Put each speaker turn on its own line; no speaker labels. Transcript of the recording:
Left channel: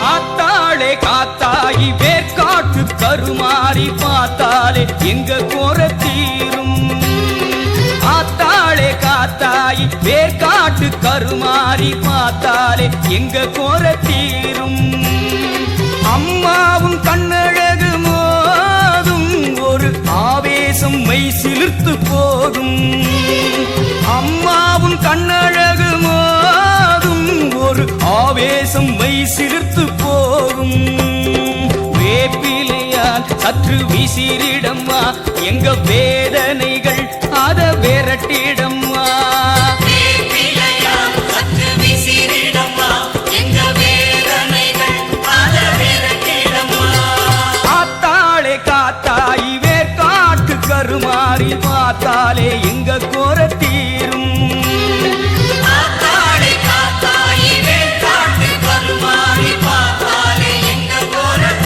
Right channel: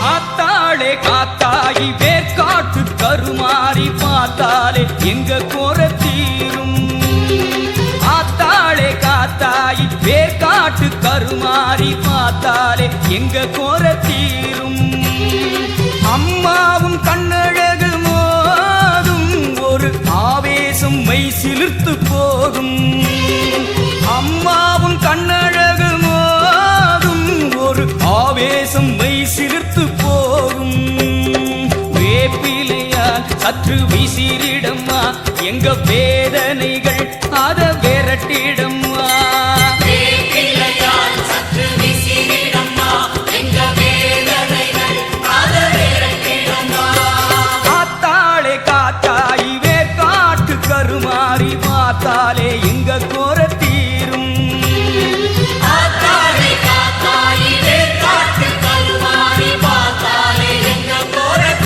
ஆத்தாளே காத்தாயி வேர்காட்டு கருமாறி பார்த்தாலே எங்க கோர தீரும். ஆத்தாளே காத்தாயி வேர்காட்டு கருமாறி பார்த்தாலே எங்க கோர தீரும். அம்மாவும் கண்ணழகு மோதும் ஒரு ஆவேசம் மை சிலிர்த்து போகும் அம்மாவும் கண்ணழகு ஆவேசம் மெய் சிலிர்த்து போகும். வேப்பிலையால் சற்று விசிறிடம்மா எங்க வேதனைகள் அத விரட்டிடம்மா. காத்தாளே காத்தாய் வேர்காட்டு கருமாறி பார்த்தாலே எங்க கோரத்தீ